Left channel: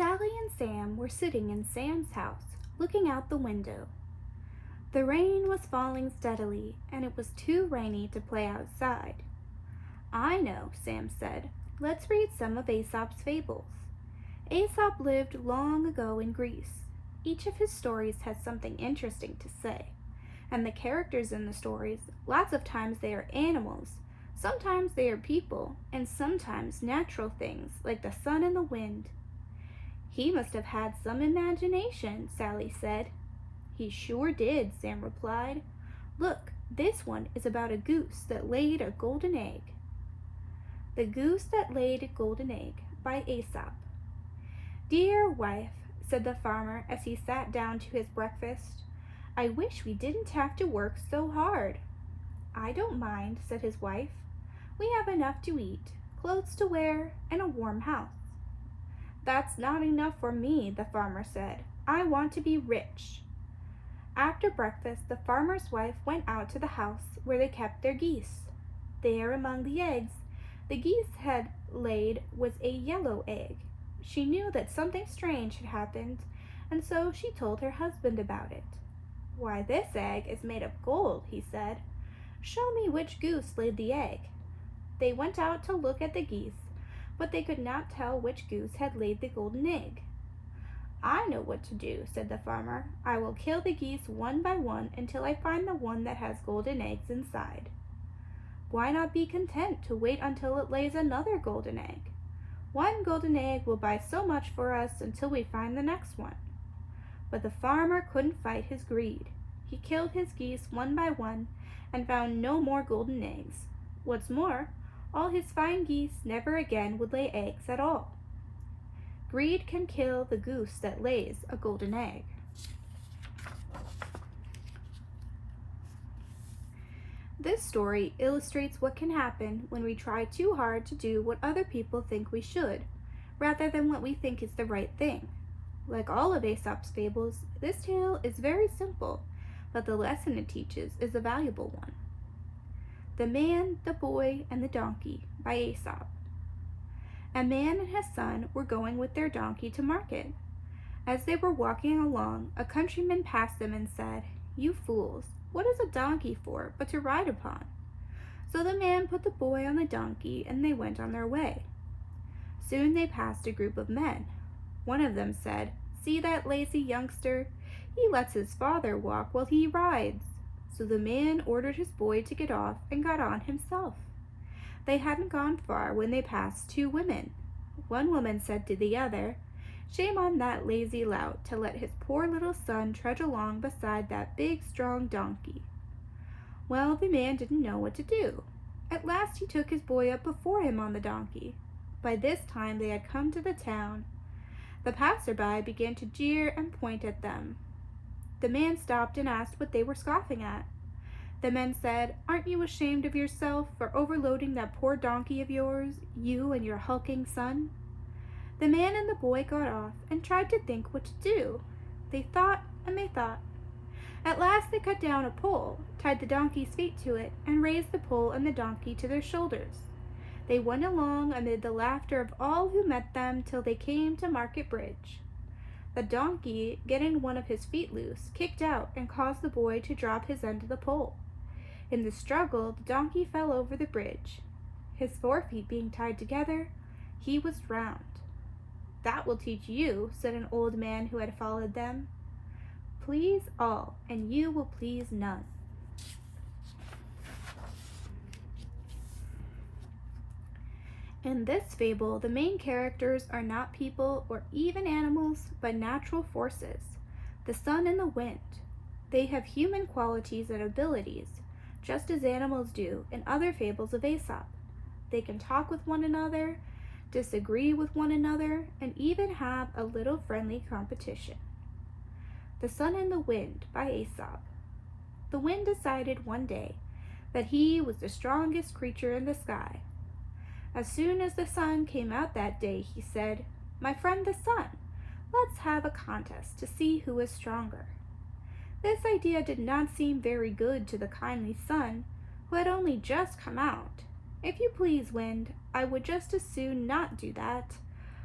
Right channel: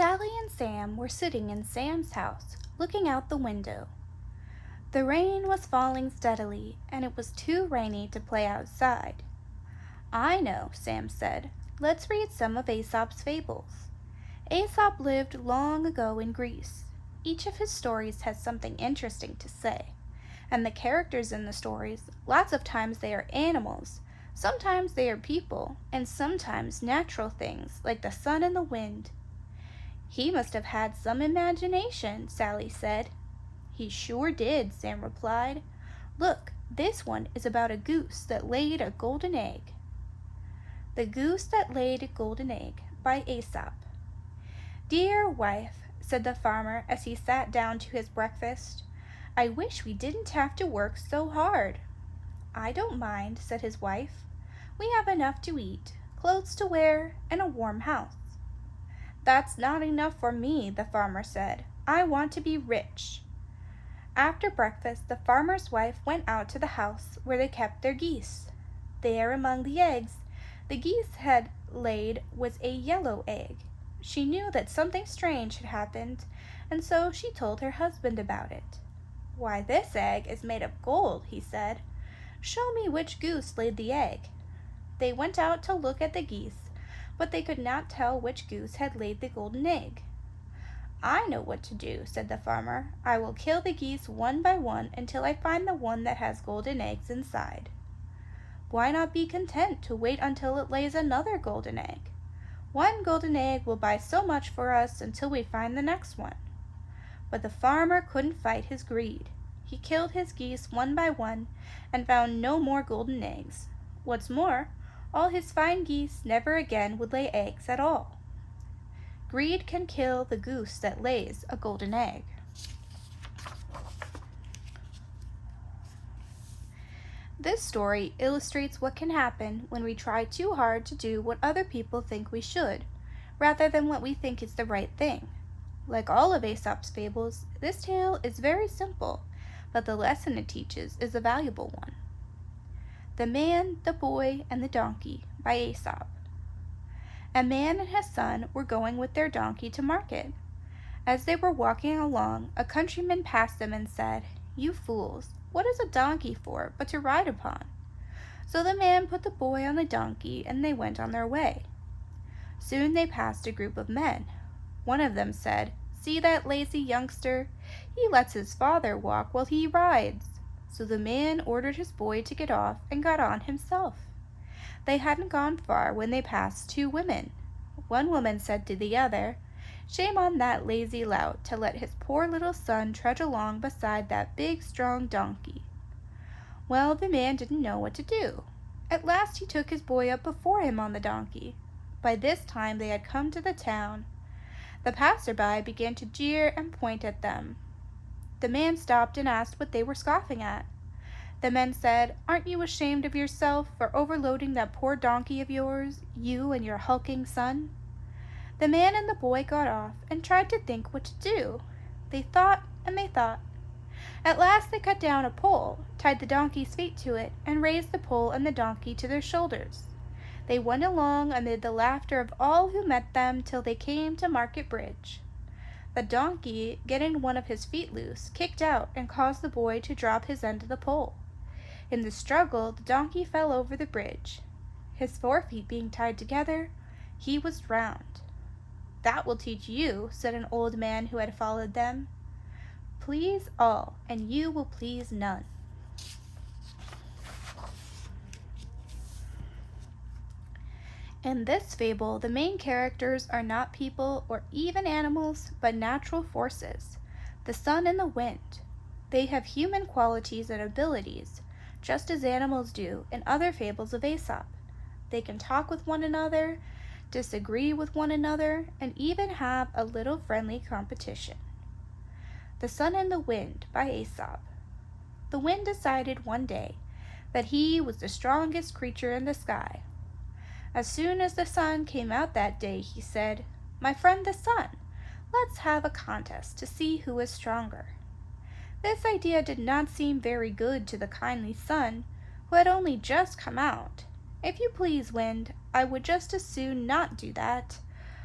Sally and Sam were sitting in Sam's house, looking out the window. The rain was falling steadily, and it was too rainy to play outside. "I know," Sam said. "Let's read some of Aesop's fables." Aesop lived long ago in Greece. Each of his stories has something interesting to say. And the characters in the stories, lots of times they are animals, sometimes they are people, and sometimes natural things like the sun and the wind. "He must have had some imagination," Sally said. "He sure did," Sam replied. "Look, this one is about a goose that laid a golden egg." The Goose That Laid a Golden Egg by Aesop. "Dear wife," said the farmer as he sat down to his breakfast, "I wish we didn't have to work so hard." "I don't mind," said his wife. "We have enough to eat, clothes to wear, and a warm house." "That's not enough for me," the farmer said. "I want to be rich." After breakfast, the farmer's wife went out to the house where they kept their geese. There, among the eggs the geese had laid, was a yellow egg. She knew that something strange had happened, and so she told her husband about it. "Why, this egg is made of gold," he said. "Show me which goose laid the egg." They went out to look at the geese, but they could not tell which goose had laid the golden egg. "I know what to do," said the farmer. "I will kill the geese one by one until I find the one that has golden eggs inside." "Why not be content to wait until it lays another golden egg? One golden egg will buy so much for us until we find the next one." But the farmer couldn't fight his greed. He killed his geese one by one and found no more golden eggs. What's more, all his fine geese never again would lay eggs at all. Greed can kill the goose that lays a golden egg. This story illustrates what can happen when we try too hard to do what other people think we should, rather than what we think is the right thing. Like all of Aesop's fables, this tale is very simple, but the lesson it teaches is a valuable one. The Man, the Boy, and the Donkey by Aesop. A man and his son were going with their donkey to market. As they were walking along, a countryman passed them and said, "You fools, what is a donkey for but to ride upon?" So the man put the boy on the donkey, and they went on their way. Soon they passed a group of men. One of them said, "See that lazy youngster? He lets his father walk while he rides." So the man ordered his boy to get off and got on himself. They hadn't gone far when they passed two women. One woman said to the other, "Shame on that lazy lout to let his poor little son trudge along beside that big, strong donkey." Well, the man didn't know what to do. At last he took his boy up before him on the donkey. By this time they had come to the town. The passerby began to jeer and point at them. The man stopped and asked what they were scoffing at. The men said, "Aren't you ashamed of yourself for overloading that poor donkey of yours, you and your hulking son?" The man and the boy got off and tried to think what to do. They thought and they thought. At last they cut down a pole, tied the donkey's feet to it, and raised the pole and the donkey to their shoulders. They went along amid the laughter of all who met them till they came to Market Bridge. The donkey, getting one of his feet loose, kicked out and caused the boy to drop his end of the pole. In the struggle, the donkey fell over the bridge. His forefeet being tied together, he was drowned. "That will teach you," said an old man who had followed them. "Please all, and you will please none." In this fable, the main characters are not people or even animals, but natural forces, the sun and the wind. They have human qualities and abilities, just as animals do in other fables of Aesop. They can talk with one another, disagree with one another, and even have a little friendly competition. The Sun and the Wind by Aesop. The wind decided one day that he was the strongest creature in the sky. As soon as the sun came out that day, he said, "My friend the sun, let's have a contest to see who is stronger." This idea did not seem very good to the kindly sun, who had only just come out. "If you please, wind, I would just as soon not do that.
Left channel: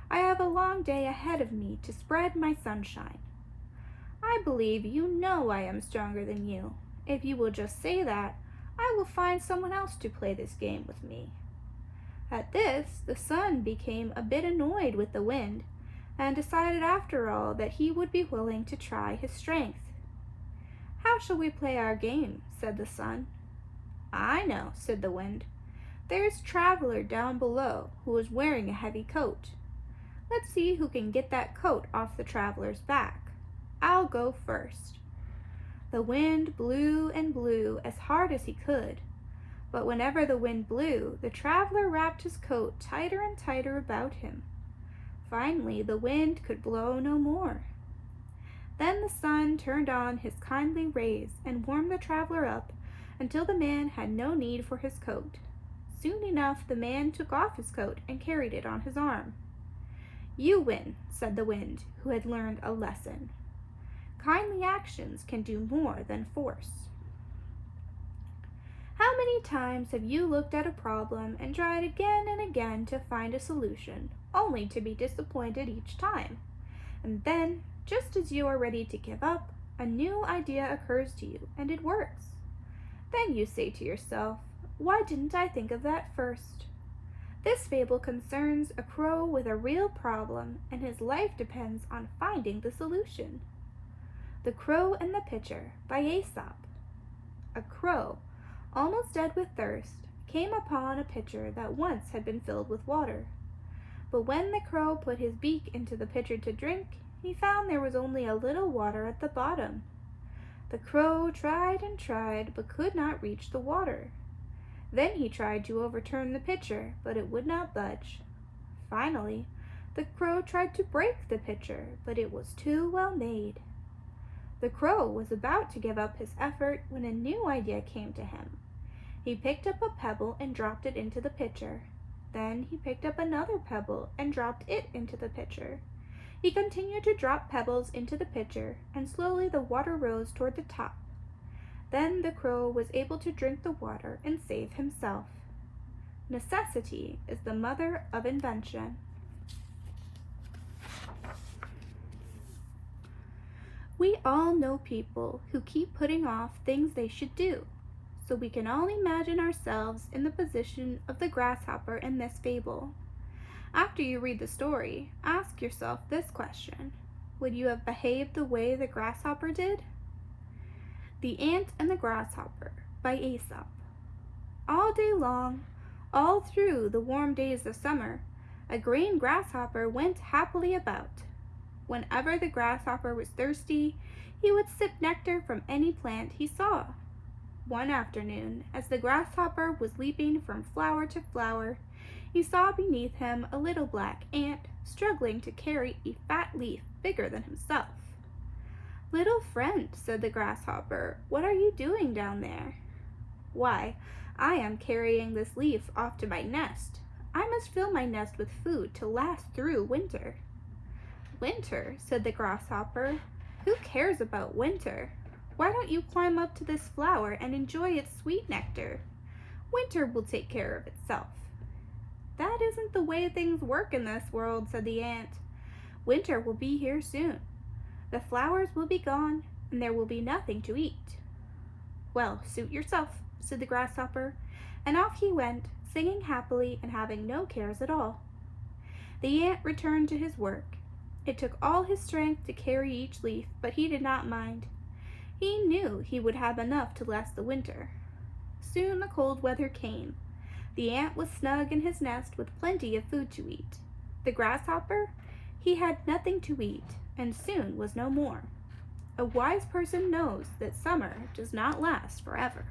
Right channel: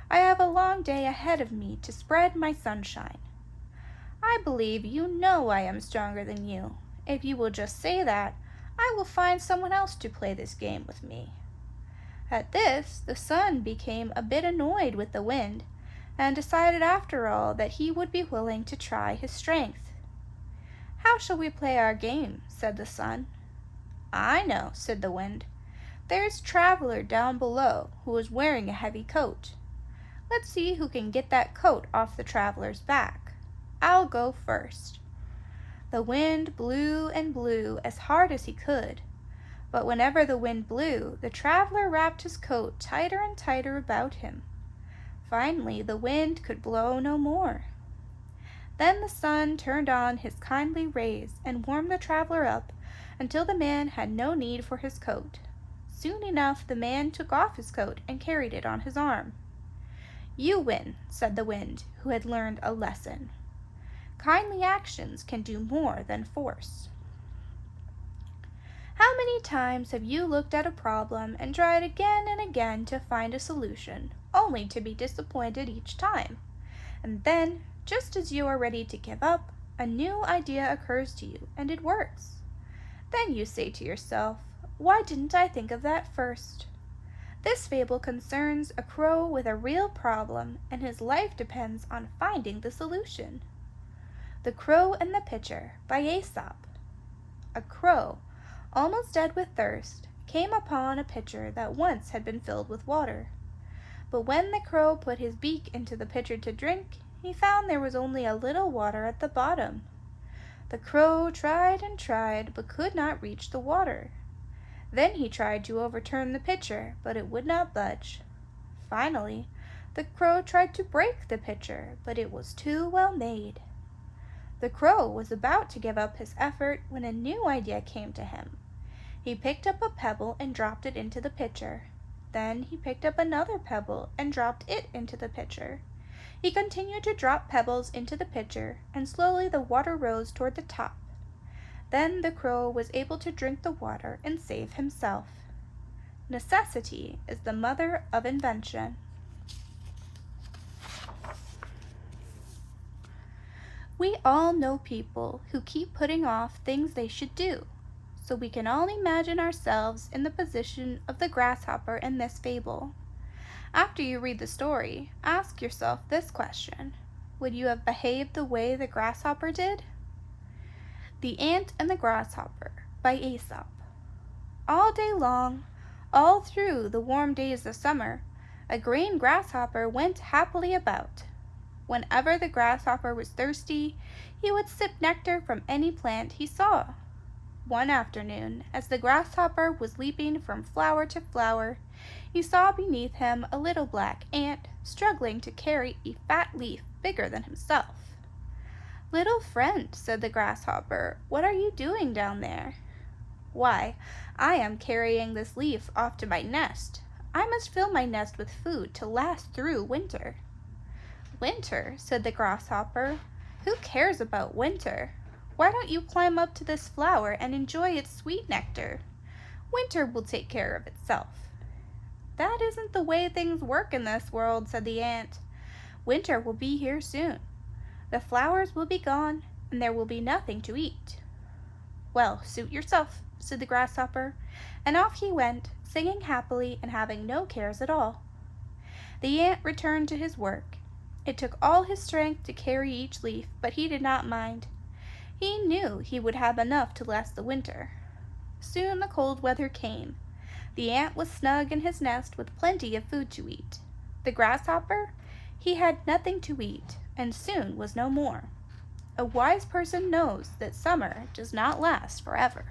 I have a long day ahead of me to spread my sunshine. I believe you know I am stronger than you. If you will just say that, I will find someone else to play this game with me." At this, the sun became a bit annoyed with the wind, and decided after all that he would be willing to try his strength. "How shall we play our game?" said the sun. "I know," said the wind. "There's Traveler down below who is wearing a heavy coat. Let's see who can get that coat off the traveler's back. I'll go first." The wind blew and blew as hard as he could, but whenever the wind blew, the traveler wrapped his coat tighter and tighter about him. Finally, the wind could blow no more. Then the sun turned on his kindly rays and warmed the traveler up until the man had no need for his coat. Soon enough, the man took off his coat and carried it on his arm. "You win," said the wind, who had learned a lesson. Kindly actions can do more than force. How many times have you looked at a problem and tried again and again to find a solution, only to be disappointed each time? And then, just as you are ready to give up, a new idea occurs to you and it works. Then you say to yourself, "Why didn't I think of that first?" This fable concerns a crow with a real problem, and his life depends on finding the solution. The Crow and the Pitcher by Aesop. A crow, almost dead with thirst, came upon a pitcher that once had been filled with water. But when the crow put his beak into the pitcher to drink, he found there was only a little water at the bottom. The crow tried and tried, but could not reach the water. Then he tried to overturn the pitcher, but it would not budge. Finally, the crow tried to break the pitcher, but it was too well made. The crow was about to give up his effort when a new idea came to him. He picked up a pebble and dropped it into the pitcher. Then he picked up another pebble and dropped it into the pitcher. He continued to drop pebbles into the pitcher, and slowly the water rose toward the top. Then the crow was able to drink the water and save himself. Necessity is the mother of invention. We all know people who keep putting off things they should do, so we can all imagine ourselves in the position of the grasshopper in this fable. After you read the story, ask yourself this question: would you have behaved the way the grasshopper did? The Ant and the Grasshopper by Aesop. All day long, all through the warm days of summer, a green grasshopper went happily about. Whenever the grasshopper was thirsty, he would sip nectar from any plant he saw. One afternoon, as the grasshopper was leaping from flower to flower, he saw beneath him a little black ant struggling to carry a fat leaf bigger than himself. "Little friend," said the grasshopper, "what are you doing down there?" "Why, I am carrying this leaf off to my nest. I must fill my nest with food to last through winter." "Winter," said the grasshopper. "Who cares about winter? Why don't you climb up to this flower and enjoy its sweet nectar? Winter will take care of itself." "That isn't the way things work in this world," said the ant. "Winter will be here soon. The flowers will be gone, and there will be nothing to eat." "Well, suit yourself," said the grasshopper, and off he went, singing happily and having no cares at all. The ant returned to his work. It took all his strength to carry each leaf, but he did not mind. He knew he would have enough to last the winter. Soon the cold weather came. The ant was snug in his nest with plenty of food to eat. The grasshopper, he had nothing to eat, and soon was no more. A wise person knows that summer does not last forever.